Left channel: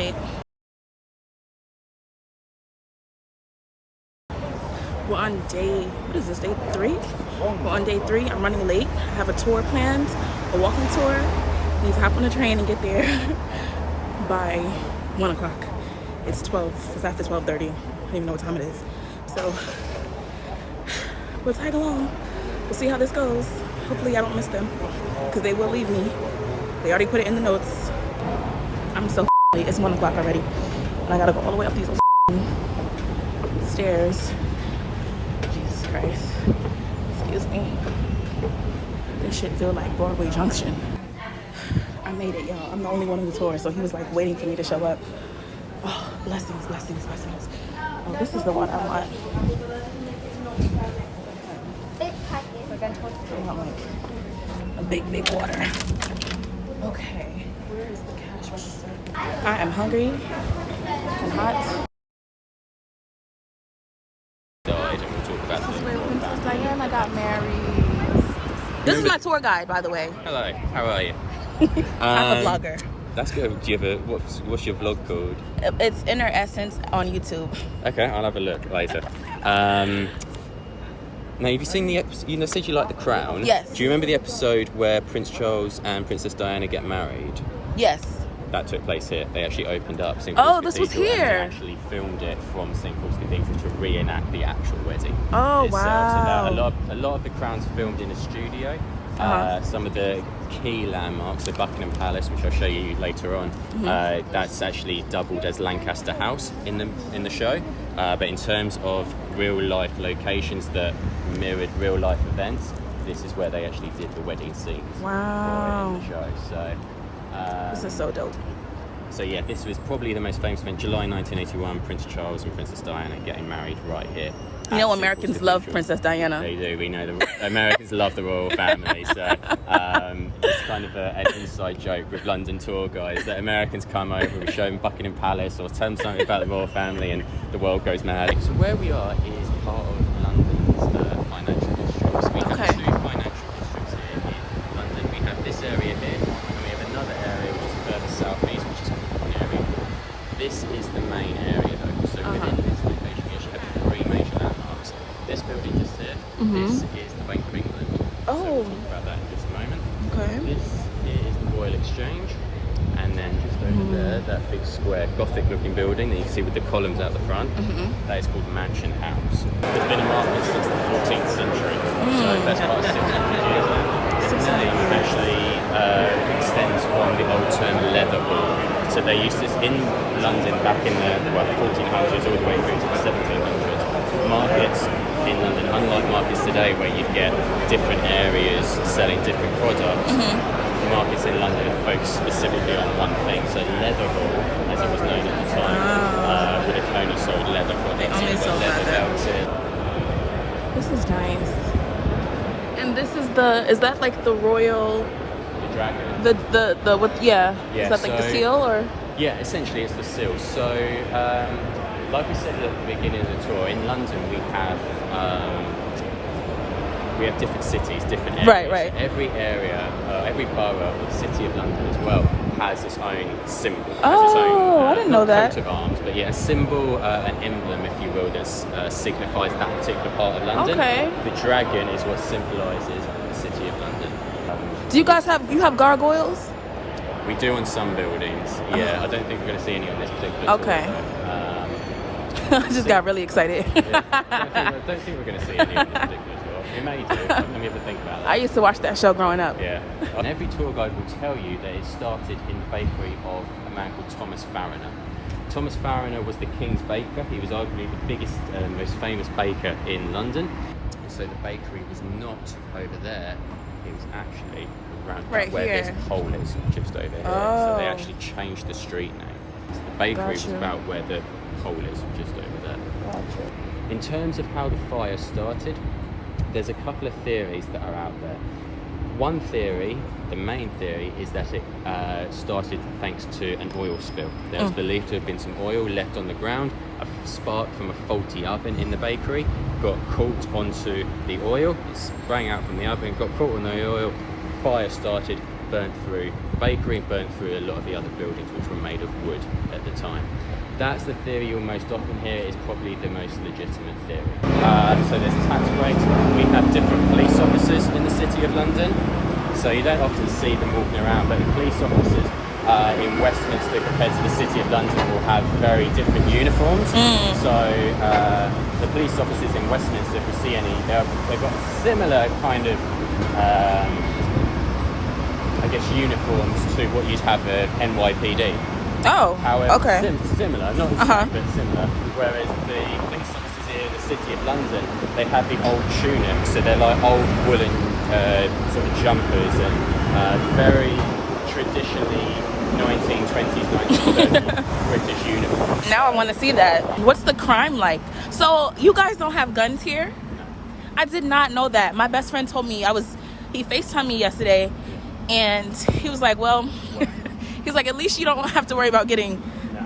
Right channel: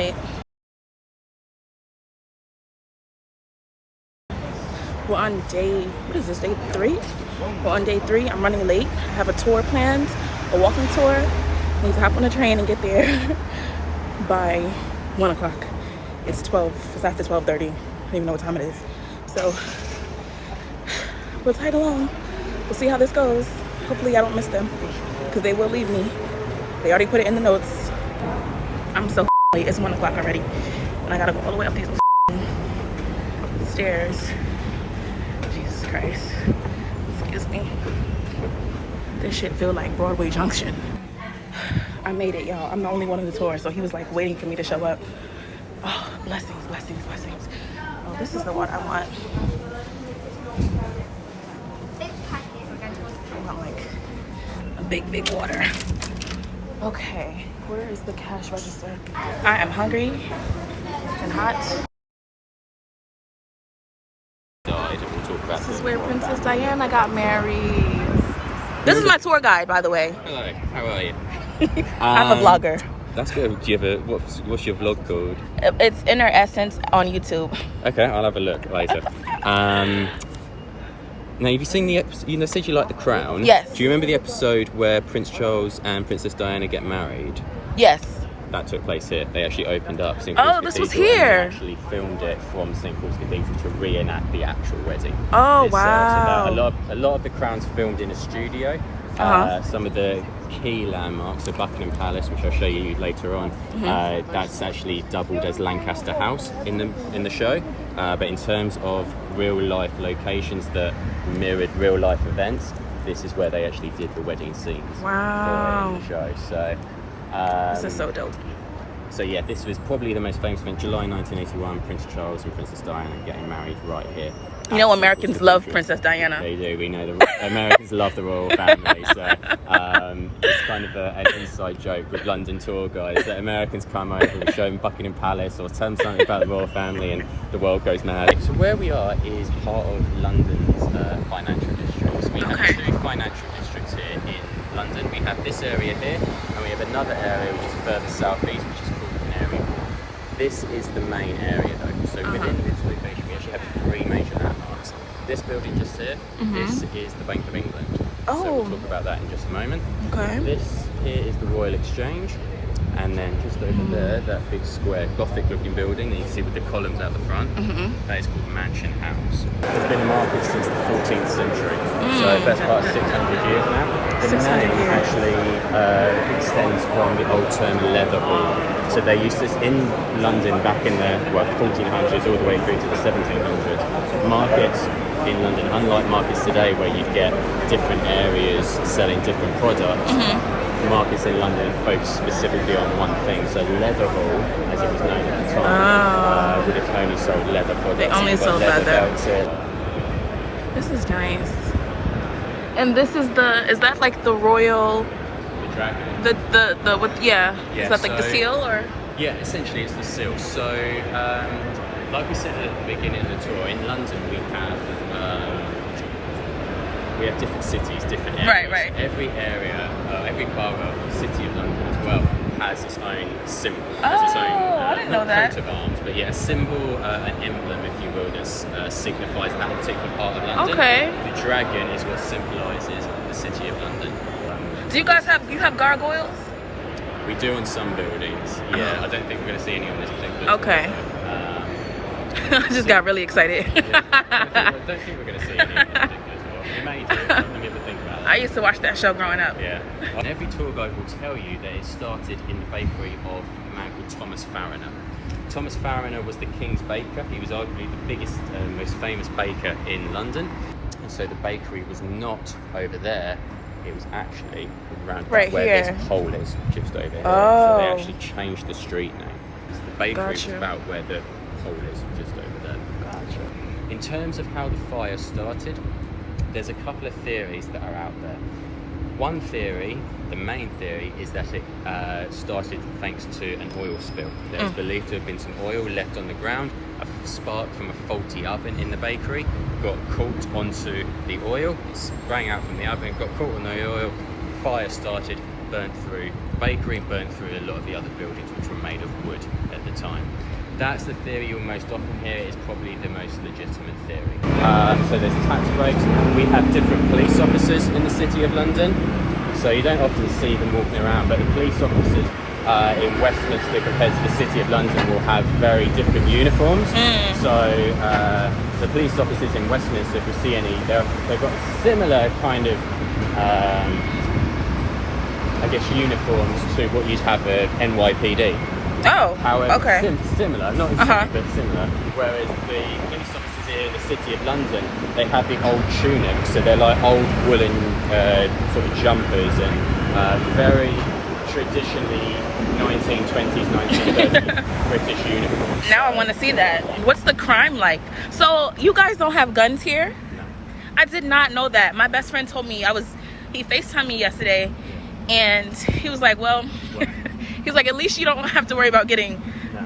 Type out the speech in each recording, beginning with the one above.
right. We're on day, what is this, day 3? We're on day 3. I'm running late. I have a tour planned, a walking tour. I need to hop on a train and get there by 1 o'clock. It's 12, it's after 12:30. I don't even know what time it is. So we'll tag along. We'll see how this goes. Hopefully I don't miss them, because they will leave me. They already put it in the notes. I'm so late. It's 1 o'clock already. And I gotta go all the way up these stairs. Jesus Christ. Excuse me. This shit feel like Broadway Junction. I made it, y'all. I'm the only one on the tour, so he was like waiting for me to show up. Oh, blessings, blessings, blessings. Oh, this is the one I want. I want like a big water. Okay, where is the cash register? I am hungry and hot. This is where Princess Diana got married. This is my tour guide, by the way. Hello, how are you? I'm a vlogger. That's good. Do you have a, what's your vlog called? It's Inner Essence on YouTube. Okay, I'll have a look later. Now, have you seen the episode? You said you like The Crown. Yes. Do you remember the episode where Prince Charles and Princess Diana get married? Yes. That took place here. They actually opened up St. Oh, this was here. They actually filmed it from St. Paul's Cathedral to reenact the actual wedding. Oh, wow. A lot of The Crown's filmed in a studio. Some of the key landmarks, so Buckingham Palace, which I'll show you later on, that's actually doubled as Lancaster House in the show. But in terms of real life locations that mirrored real life events, this is where they actually did the wedding scenes. Wow. For the show. So this is so dope. So yeah, this was probably the most famous event. July 1981, Prince Charles and Princess Diana getting married right here. You know, Americans love Princess Diana. They do. We know the Americans love the royal family. So it's kind of an inside joke with London tour guides that Americans come over and show them Buckingham Palace or tell them something about the royal family and the world goes mad. So where we are is part of London's financial districts. We have two financial districts here in London. We have this area here and we have another area just further southeast, which is called Canary Wharf. This is the main area though. So within this location we actually have 3 major landmarks. This building just there, this is the Bank of England. Oh. So we'll talk about that in just a moment. Okay. This is the Royal Exchange. And then just over there, that big square Gothic looking building that you can see with the columns out the front, that is called Mansion House. It's been a market since the 14th century. So that's about 600 years now. 600 years. Actually extends from the old term leather hall. So they used this in London back in the 1400s all the way through to the 1700s. Markets in London, unlike markets today where you get different areas selling different products, markets in London focus specifically on one thing. So leather hall, as it was known at the time, it only sold leather products. They only sold leather. This is nice. And this is is that like the royal... The dragon. Is that like the seal or? Yeah, essentially it's the seal. So, like we said at the beginning of the tour, in London we have different cities, different areas. Right. Every area, every borough, city of London as well, has its own symbol. I didn't know that. Coat of arms, but yeah, a symbol, an emblem, if you will, that signifies that particular part of London. Okay. The dragon is what symbolises the city of London. Do you guys have gargoyles? We do on some buildings. Yeah, I don't think we're going to see any on this particular. Okay. I just got really excited. I don't think we're going to see any on this particular as well. We may do. Let me have a think about it. I used to watch that show growing up. Yeah. And every tour guide will tell you that it started in the bakery of a man called Thomas Fariner. Thomas Fariner was the King's baker. He was arguably the biggest, most famous baker in London. And so the bakery was not over there. It was actually around right where here. this hole is, just over here. Oh. So they actually changed the street name. So the bakery was about where the hole is, just over there. Gotcha. In terms of how the fire started, there's a couple of theories that are out there. One theory, the main theory, is that it started thanks to an oil spill. There was believed to have been some oil left on the ground. A spark from a faulty oven in the bakery got caught onto the oil, sprang out from the oven, got caught on the oil, fire started, burnt through the bakery and burnt through a lot of the other buildings which were made of wood at the time. That's the theory you'll most often hear. Is probably the most legitimate theory. So there's tax breaks. We have different police officers in the City of London, so you don't often see them walking around, but the police officers in Westminster compared to the City of London will have very different uniforms. So the police officers in Westminster, if you see any, they've got similar kind of I guess uniforms to what you'd have at NYPD. Oh, however, okay. Similar, not as but similar. Whereas the police officers here in the City of London, they have the old tunics, so they're like old woolen sort of jumpers and very traditionally 1920s, 1930s British uniforms. Now I want to see that. What's the crime like? So you guys don't have guns here? I did not know that. My best friend told me, he FaceTimed me yesterday, and he was like, well, he's like, at least you don't have to worry about getting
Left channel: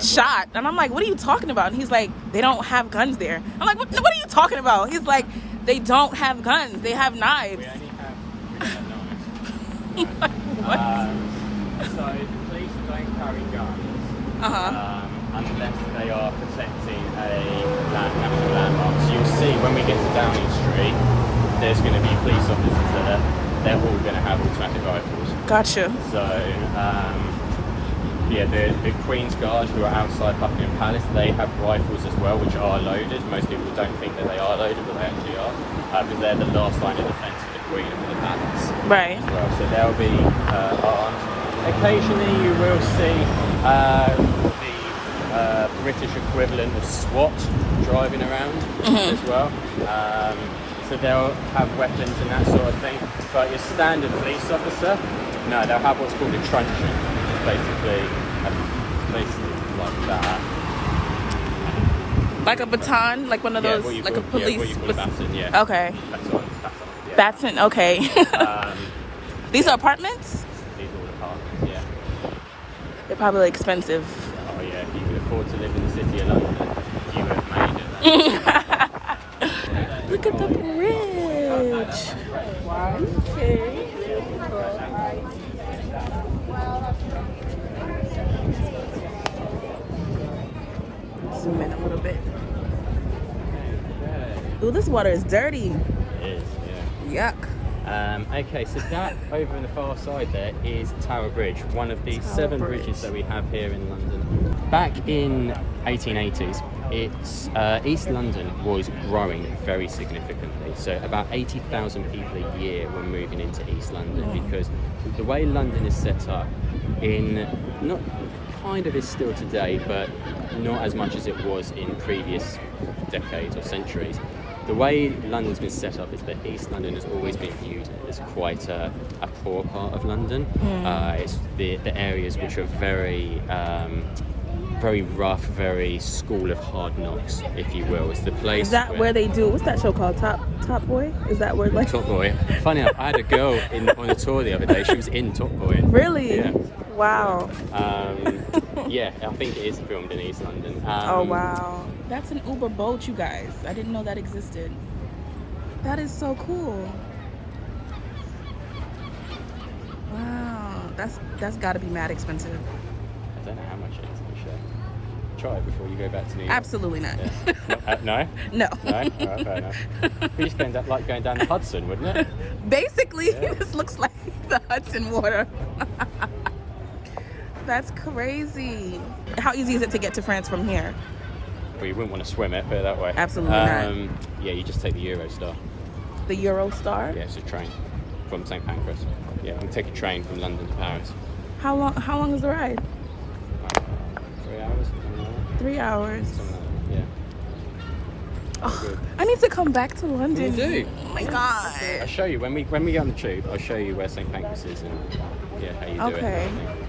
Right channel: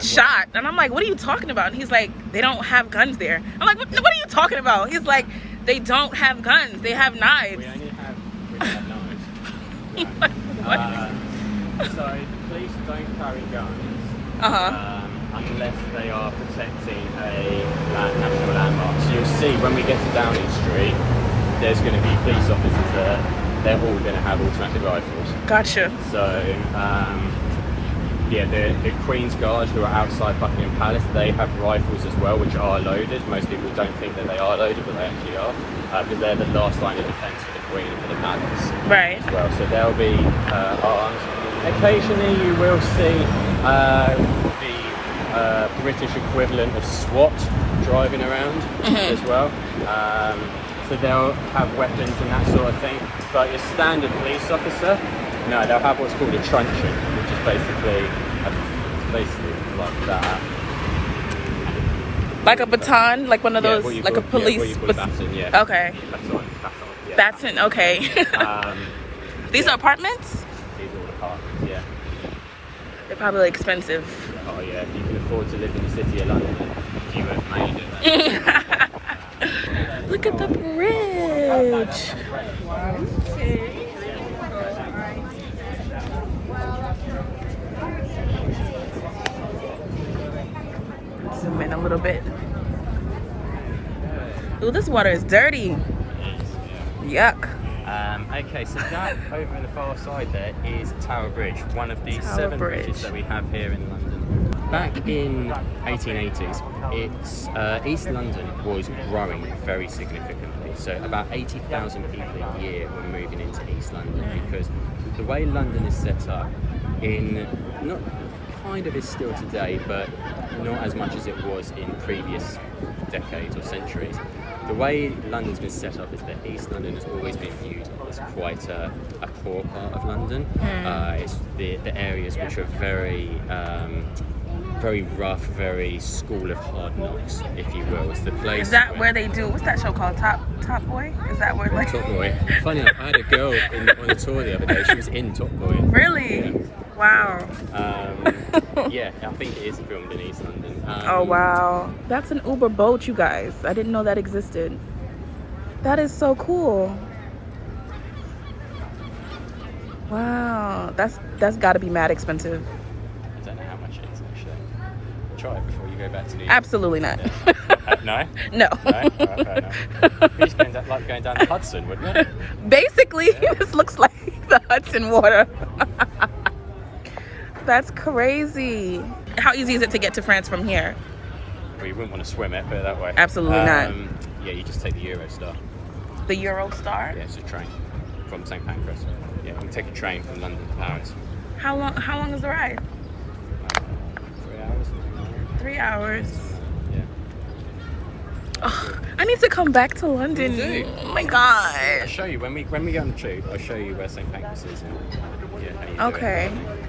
shot. And I'm like, what are you talking about? And he's like, they don't have guns there. I'm like, what are you talking about? He's like, they don't have guns. They have knives. We only have knives. What? So the police don't carry guns unless they are protecting a national landmark. So you'll see when we get to Downing Street, there's going to be police officers there. They're all going to have automatic rifles. Gotcha. So, the Queen's Guard who are outside Buckingham Palace, they have rifles as well, which are loaded. Most people don't think that they are loaded, but they actually are, because they're the last line of defence for the Queen and for the Palace. Right. As well, so they'll be armed. Occasionally, you will see the British equivalent of SWAT driving around as well. So they'll have weapons and that sort of thing. But your standard police officer, no, they'll have what's called a truncheon, which is basically like that. Like a baton, like one of those, like a police. What you call a baton, yeah. Okay. Baton, yeah. Baton, okay. These are apartments? These are apartments, yeah. They're probably expensive. Oh yeah, if you can afford to live in the City of London, you have made it. Look at the bridge. Okay. Zoom in a little bit. Ooh, this water is dirty. It is, yeah. Yuck. Okay, so that over on the far side there is Tower Bridge, one of the seven bridges that we have here in London. Back in 1880s, East London was growing very significantly. So about 80,000 people a year were moving into East London because the way London is set up, not kind of is still today, but not as much as it was in previous decades or centuries. The way London's been set up is that East London has always been viewed as quite a poor part of London. It's the areas which are very rough, very school of hard knocks, if you will. It's the place. Is that where they do? What's that show called? Top Boy? Is that where like? Top Boy. Funny enough, I had a girl on a tour the other day. She was in Top Boy. Really? Yeah. Wow. Yeah, I think it is filmed in East London. Oh wow, that's an Uber boat, you guys. I didn't know that existed. That is so cool. Wow, that's got to be mad expensive. I don't know how much it is actually. Try it before you go back to New York. Absolutely not. No? No. No? Right, fair enough. It's like going down the Hudson, wouldn't it? Basically, Yeah. this looks like the Hudson water. That's crazy. How easy is it to get to France from here? Well, you wouldn't want to swim it, put it that way. Absolutely not. Yeah, you just take the Eurostar. The Eurostar? Yeah, it's a train from St Pancras. Yeah, you can take a train from London to Paris. How long is the ride? 3 hours. 3 hours. Yeah. Oh, I need to come back to London. You do? Oh my I'll gosh. show you when we get on the tube. I'll show you where St Pancras is and how you do Okay. it.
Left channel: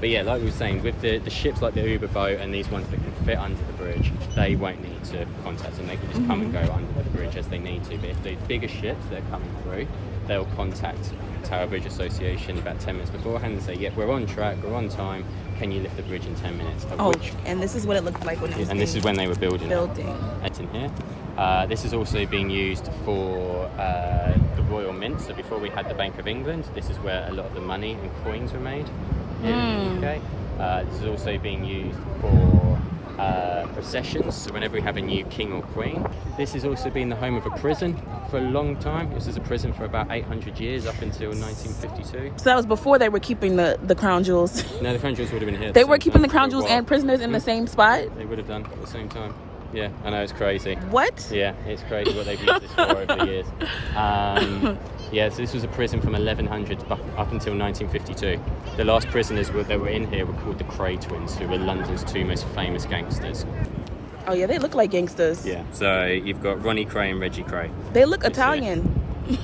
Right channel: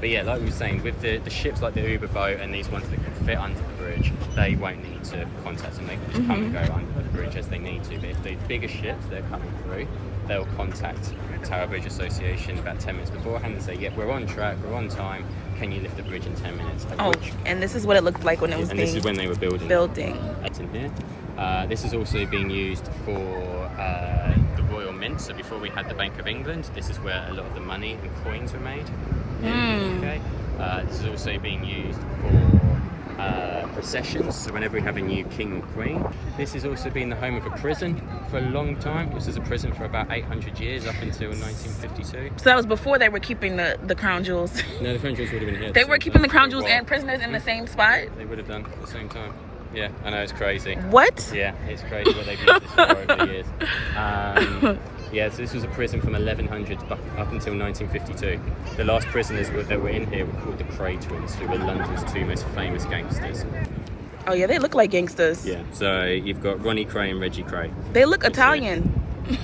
But yeah, like we were saying, with the ships like the Uber boat and these ones that can fit under the bridge, they won't need to contact them. They can just come and go under the bridge as they need to. But if the bigger ships that are coming through, they'll contact Tower Bridge Association about 10 minutes beforehand and say, yeah, we're on track, we're on time, can you lift the bridge in 10 minutes? Oh, and this is what it looked like when it was and this is when they were building. building. It's in here. This is also being used for the Royal Mint, So before we had the Bank of England, this is where a lot of the money and coins were made in the UK. This is also being used for processions, so whenever we have a new king or queen. This has also been the home of a prison for a long time. This is a prison for about 800 years, up until 1952. So that was before they were keeping the crown jewels. No, the crown jewels would have been here. They were keeping the crown jewels and prisoners in the same spot? They would have done at the same time. Yeah, I know, it's crazy. What? Yeah, it's crazy what they've used this for over the years. Yeah, so this was a prison from 1100 up until 1952. The last prisoners that were in here were called the Cray twins, who were London's two most famous gangsters. Oh yeah, they look like gangsters. Yeah, so you've got Ronnie Cray and Reggie Cray. They look Italian.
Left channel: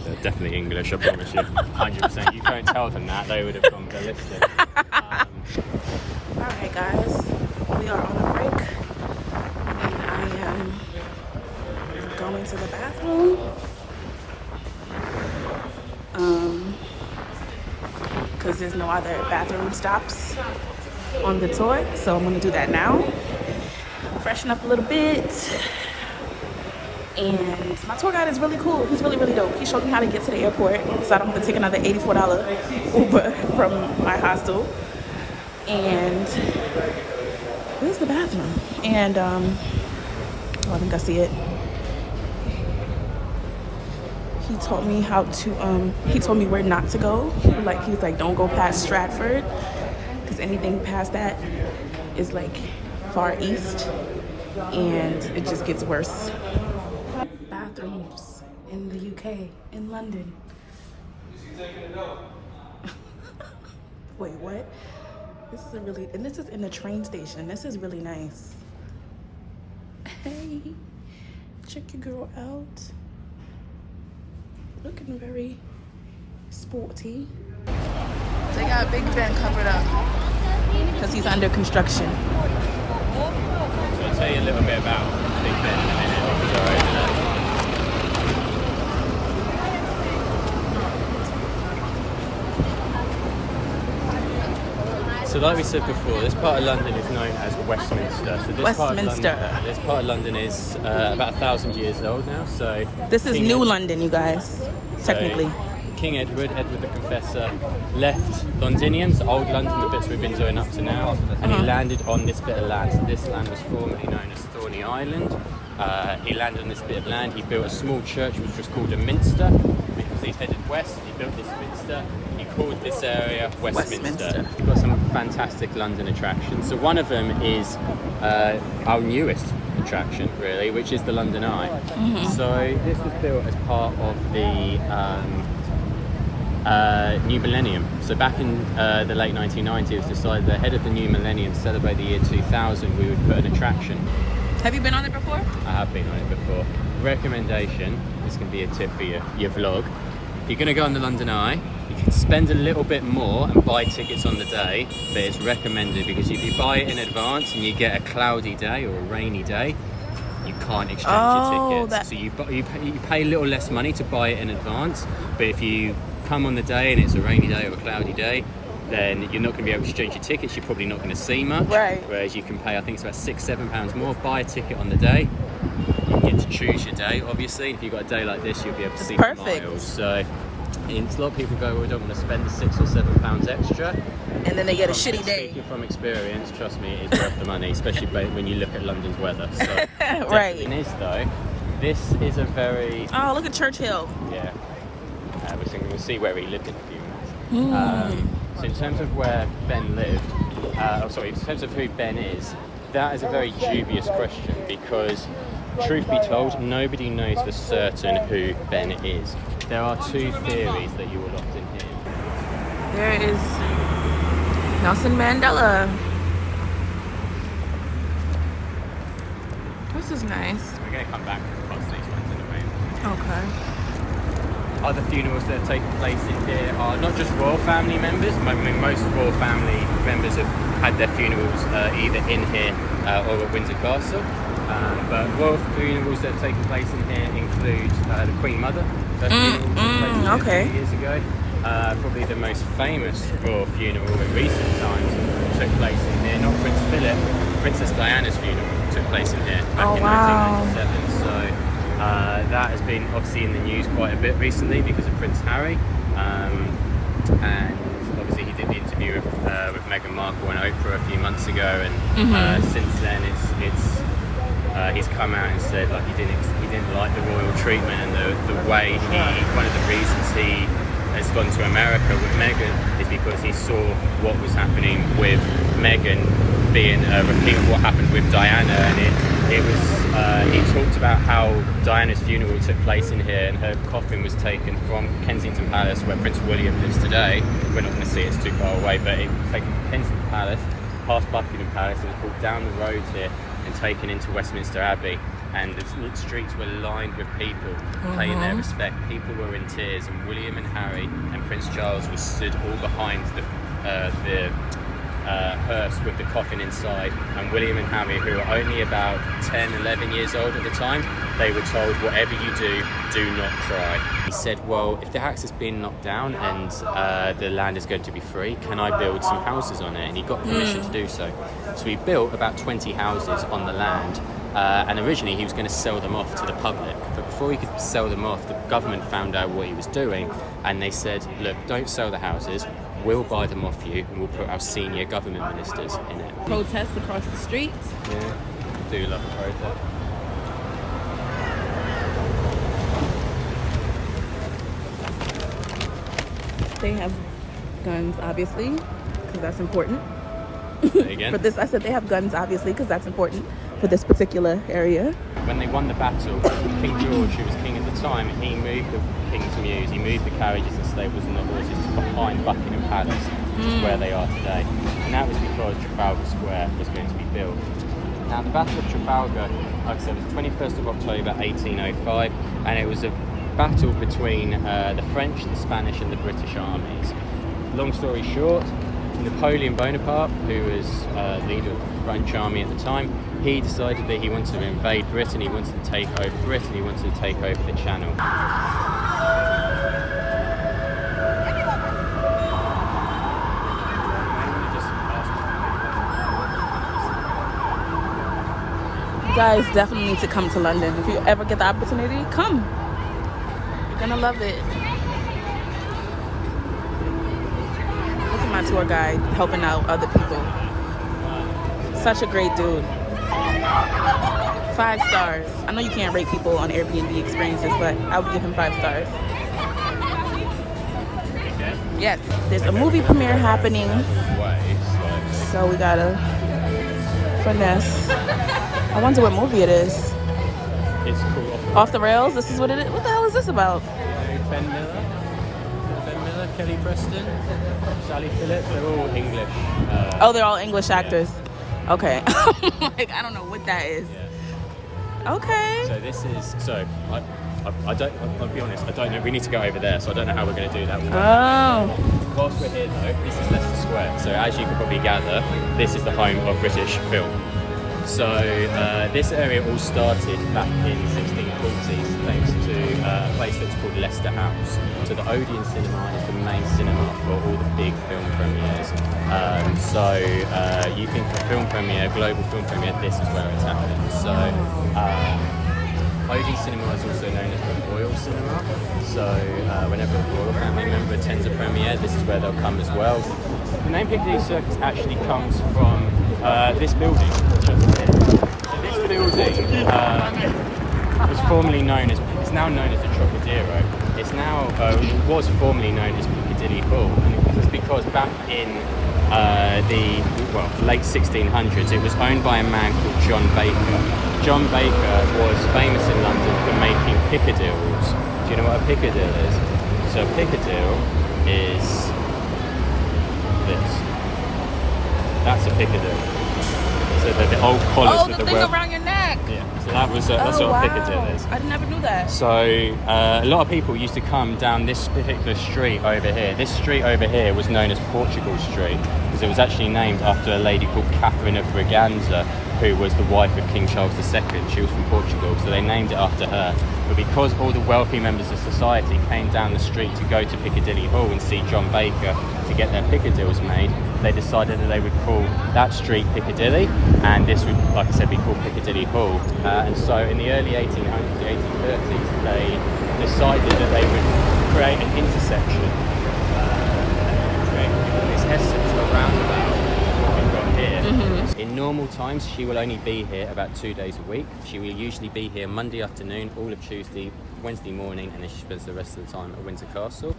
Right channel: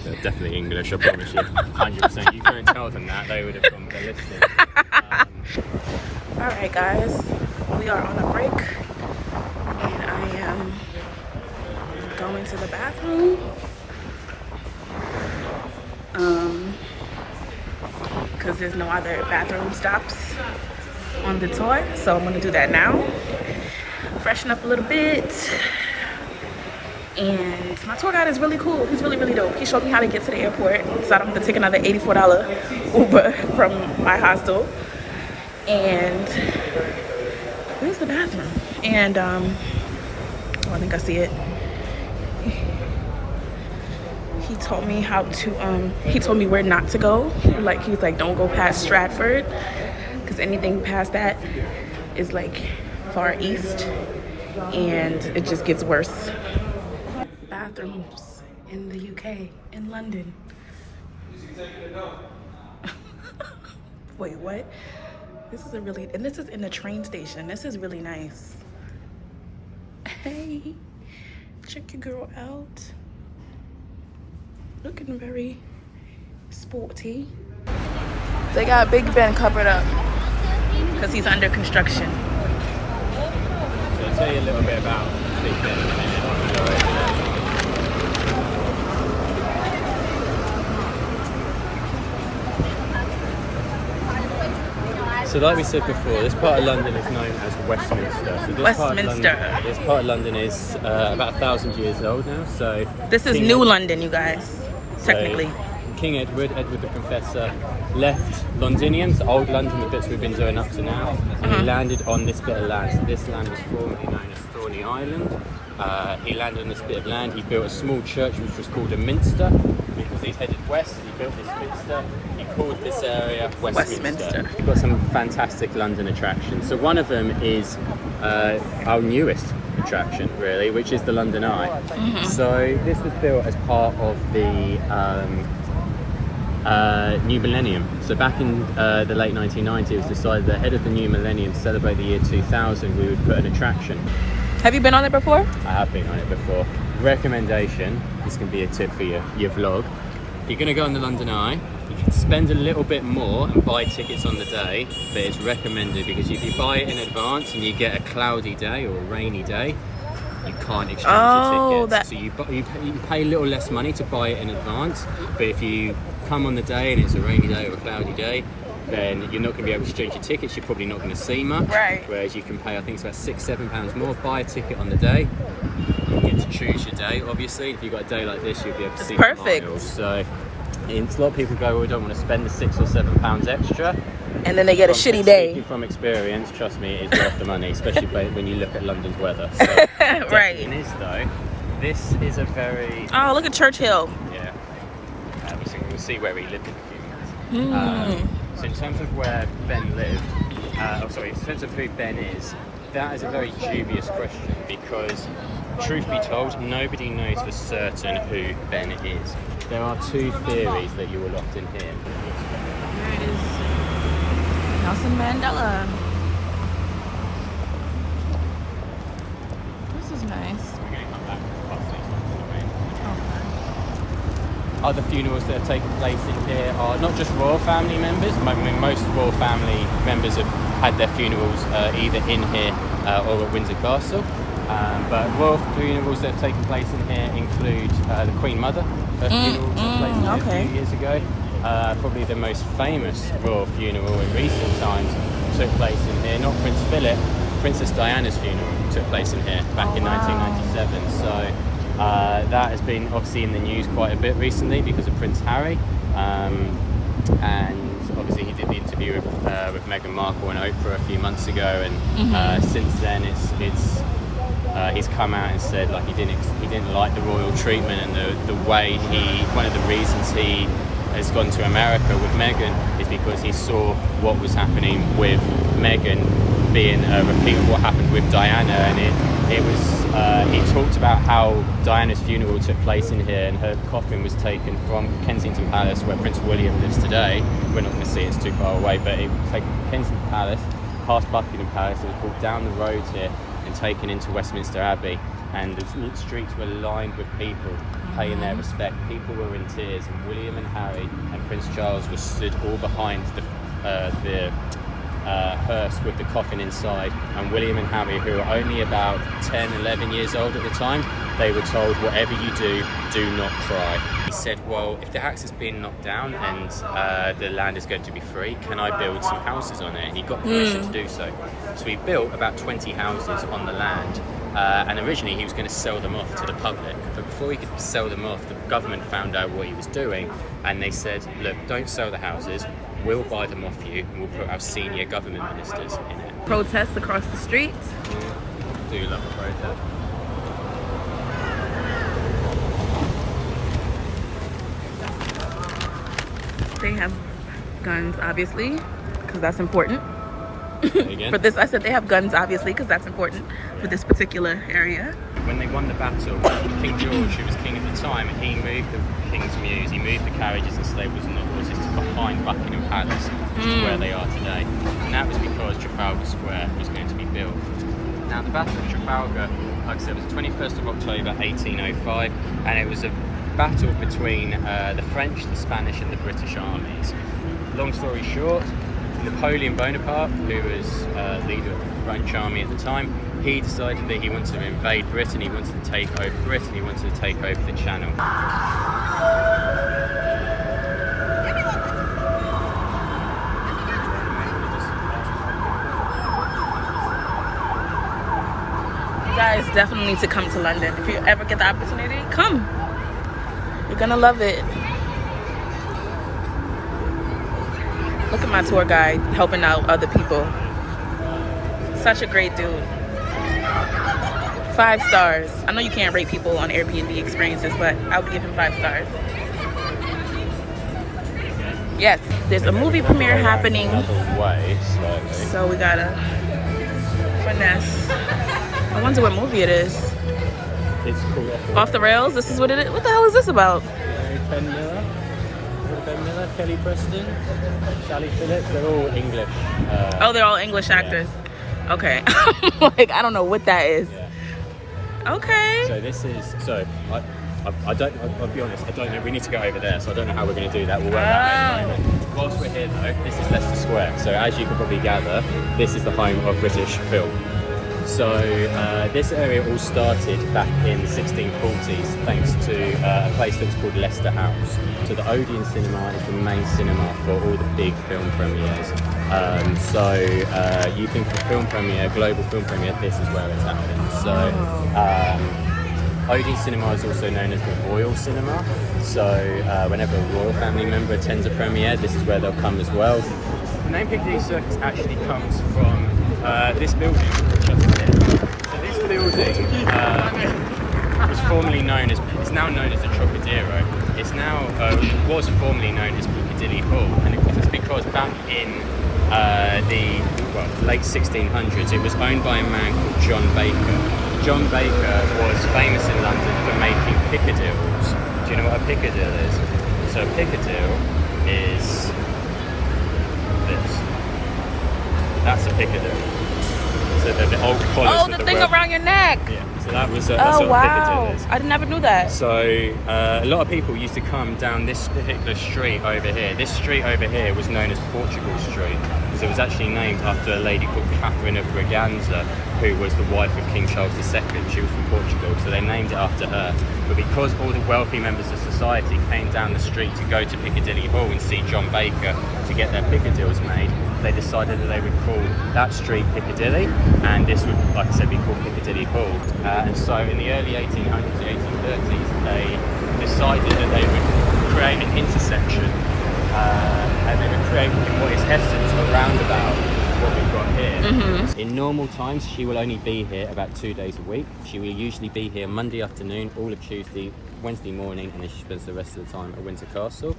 They're definitely English, I promise you. 100%. You can't tell them that, they would have gone ballistic. Alright guys, we are on a break. And I am going to the bathroom. Because there's no other bathroom stops on the tour. So I'm going to do that now. Freshen up a little bit. And my tour guide is really cool. He's really, really dope. He showed me how to get to the airport, so I don't have to take another $84 Uber from my hostel. And where's the bathroom? And oh, I think I see it. He told me how to he told me where not to go. Like, he's like, don't go past Stratford, because anything past that is like far east, and it just gets worse. Bathrooms in the UK, in London. Wait, what? This is and this is in the train station. This is really nice. Hey, check your girl out. Looking very sporty. They got Big Ben covered up because he's under construction. So I'll tell you a little bit about Big Ben in a minute. So like we said before, this part of London is known as Westminster. So this Westminster. This part of London is about 1,000 years old now. So this is New London, you guys. Technically. King Edward the Confessor, left Londinians, old London, the bits we've been doing up to now, and he landed on this bit of land. So this land was formerly known as Thorney Island. He landed on this bit of land. He built a small church which was called a minster. Because he's headed west, he built this minster. He called this area Westminster. We've got some fantastic London attractions. So one of them is our newest attraction, really, which is the London Eye. So this was built as part of the new millennium. So back in the late 1990s, it was decided that ahead of the new millennium, to celebrate the year 2000, we would put an attraction. Have you been on it before? I have been on it before. Recommendation, this can be a tip for your vlog. If you're going to go on the London Eye, you can spend a little bit more and buy tickets on the day, but it's recommended because if you buy it in advance and you get a cloudy day or a rainy day, you can't exchange your tickets. So you pay a little less money to buy it in advance, but if you come on the day and it's a rainy day or a cloudy day, then you're not going to be able to exchange your tickets. You're probably not going to see much. Right. Whereas you can pay, I think it's about £6-7 more, buy a ticket on the day. You get to choose your day, obviously. If you've got a day like this, you'll be able to see miles. So a lot of people go, well, we don't want to spend the £6 or £7 extra. And then they get a shitty day. From experience, trust me, it's worth the money, especially when you look at London's weather. So right. It is, though. This is a very... Oh, look at Churchill. Yeah. We'll see where he lived in a few minutes. So in terms of where Ben lived, in terms of who Ben is, that is a very dubious question because, truth be told, nobody knows for certain who Ben is. There are two theories that you will often hear. There is Nelson Mandela. This is nice. We're going to come back past these ones. Okay. Other funerals that have taken place in here are not just royal family members. I mean, most royal family members have had their funerals either in here or at Windsor Castle. But royal funerals that have taken place in here include the Queen Mother. Her funeral took place a few years ago. Probably the most famous royal funeral in recent times took place in here. Not Prince Philip, Princess Diana's funeral took place in here back in 1997. So That has been obviously in the news quite a bit recently because of Prince Harry, and obviously he did the interview with Meghan Markle and Oprah a few months ago, and since then he's come out and said like he didn't like the royal treatment, and the way one of the reasons he has gone to America with Meghan is because he saw what was happening with Meghan being a repeat of what happened with Diana, and it was he talked about how Diana's funeral took place in here, and her coffin was taken from Kensington Palace, where Prince William lives today. We're not going to see it, it's too far away, but it was taken from Kensington Palace, past Buckingham Palace, and was brought down the road here and taken into Westminster Abbey. And the streets were lined with people paying their respect. People were in tears, and William and Harry and Prince Charles were stood all behind the hearse with the coffin inside. And William and Harry, who were only about 10, 11 years old at the time, they were told, whatever you do not cry. He said, well, if the house has been knocked down and the land is going to be free, can I build some houses on it? And he got permission to do so. So he built about 20 houses on the land. And originally he was going to sell them off to the public, but before he could sell them off, the government found out what he was doing, and they said, look, don't sell the houses, we'll buy them off you, and we'll put our senior government ministers in it. Protests across the street. Yeah, do look at protest. They have guns, obviously, because that's important. Again? For this, I said they have guns, obviously, because that's important for this particular area. When they won the battle, King George, who was king at the time, he moved the King's Mews, he moved the carriages and stables and the horses to behind Buckingham Palace, which is where they are today. And that was because Trafalgar Square was going to be built. Now, the Battle of Trafalgar, like I said, was 21st of October 1805, and it was a battle between the French, the Spanish and the British armies. Long story short, Napoleon Bonaparte, who was leader of the French army at the time, he decided that he wanted to invade Britain, he wanted to take over Britain, he wanted to take over the Channel. You guys definitely need to come to London. If you ever get the opportunity, come. You're gonna love it. Look at my tour guide helping out other people. Such a great dude. 5 stars. I know you can't rate people on Airbnb experiences, but I would give him 5 stars. Yes, there's a movie premiere happening, so we gotta finesse. I wonder what movie it is. It's called Off the Rails? This is what it is? What the hell is this about? Ben Miller, Kelly Preston, Sally Phillips, they're all English. Oh, they're all English actors. Yeah. Okay. Like, I don't know what that is. Yeah. Okay. So this is, I'll be honest, I don't know, we need to go over there, so I don't know how we're going to do that. Whilst we're here though, this is Leicester Square, so as you can probably gather, this is the home of British film. So this area all started back in the 1640s thanks to a place that's called Leicester House. So the Odeon Cinema is the main cinema for all the big film premieres. So you think a film premiere, global film premiere, this is where it's happening. So Odeon Cinema is also known as the Royal Cinema. So whenever a royal family member attends a premiere, this is where they'll come as well. The name Piccadilly Circus actually comes from this building. So this building was formerly known as, it's now known as the Trocadero. It's now, was formerly known as Piccadilly Hall, and it was because back in the late 1600s it was owned by a man called John Baker. John Baker was famous in London for making piccadilles. Do you know what a piccadille is? So a piccadille is this. That's a piccadille. So the old collars. Oh, the thing around your neck. Yeah. So that was that's what a piccadille is. I never knew that. So a lot of people used to come down this particular street over here. This street over here was known as Portugal Street because it was actually named after a lady called Catherine of Braganza, who was the wife of King Charles II. She was from Portugal, so they named it after her. But because all the wealthy members of society came down the street to go to Piccadilly Hall and see John Baker to get their piccadilles made, they decided that they would call that street Piccadilly, and this would, like I said, be called Piccadilly Hall. And so in the early 1800s, the 1930s, they decided that they would create an intersection and create what is essence of a roundabout, what we've got here. In normal times, she will only be here about 2 days a week. She will usually be here Monday afternoon, all of Tuesday, Wednesday morning, and then she spends the rest of the time at Windsor Castle.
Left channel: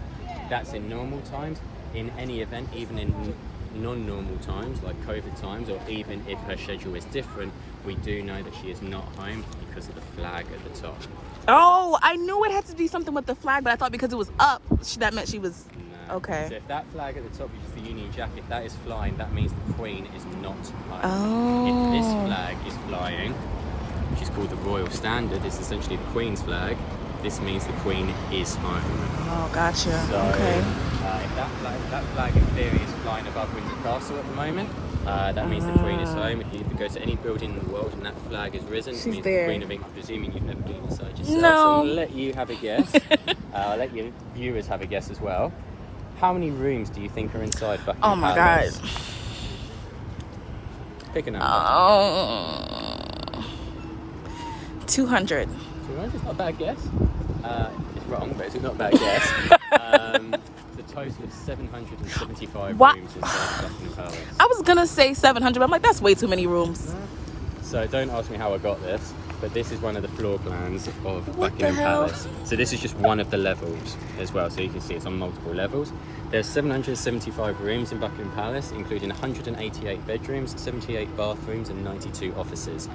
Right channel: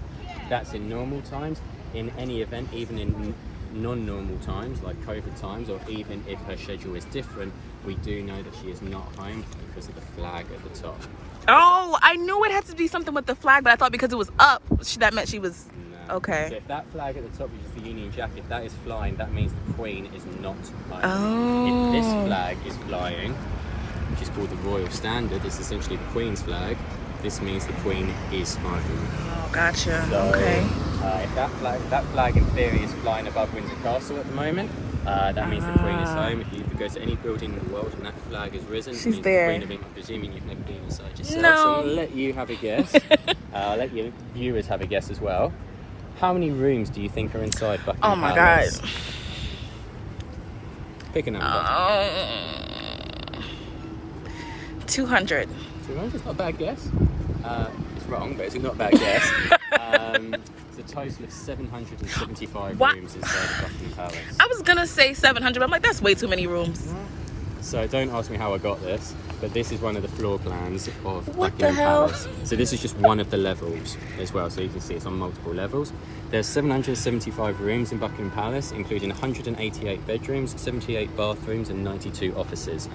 That's in normal times. In any event, even in non-normal times like COVID times, or even if her schedule is different, we do know that she is not home because of the flag at the top. Oh, I knew it had to be something with the flag, but I thought because it was up, that meant she was... No. Okay. So if that flag at the top, which is the Union Jack, if that is flying, that means the Queen is not home. Oh. If this flag is flying, which is called the Royal Standard, it's essentially the Queen's flag, this means the Queen is home. Oh, gotcha. So, okay. If that flag in theory is flying above Windsor Castle at the moment, that means the Queen is home. If you go to any building in the world and that flag is risen, it means there. the Queen of England, presuming you've never been inside yourself. No. So I'm going to let you have a guess. Let your viewers have a guess as well. How many rooms do you think are inside Buckingham Oh my Palace? God. Pick a number. 200. 200? Not a bad guess. It's wrong, but it's not a bad guess. It's a total of 775 What? rooms inside Buckingham Palace. I was gonna say 700, but I'm like, that's way too many rooms. So don't ask me how I got this, but this is one of the floor plans of What the Buckingham hell? Palace. So this is just one of the levels as well, so you can see it's on multiple levels. There's 775 rooms in Buckingham Palace, including 188 bedrooms, 78 bathrooms and 92 offices.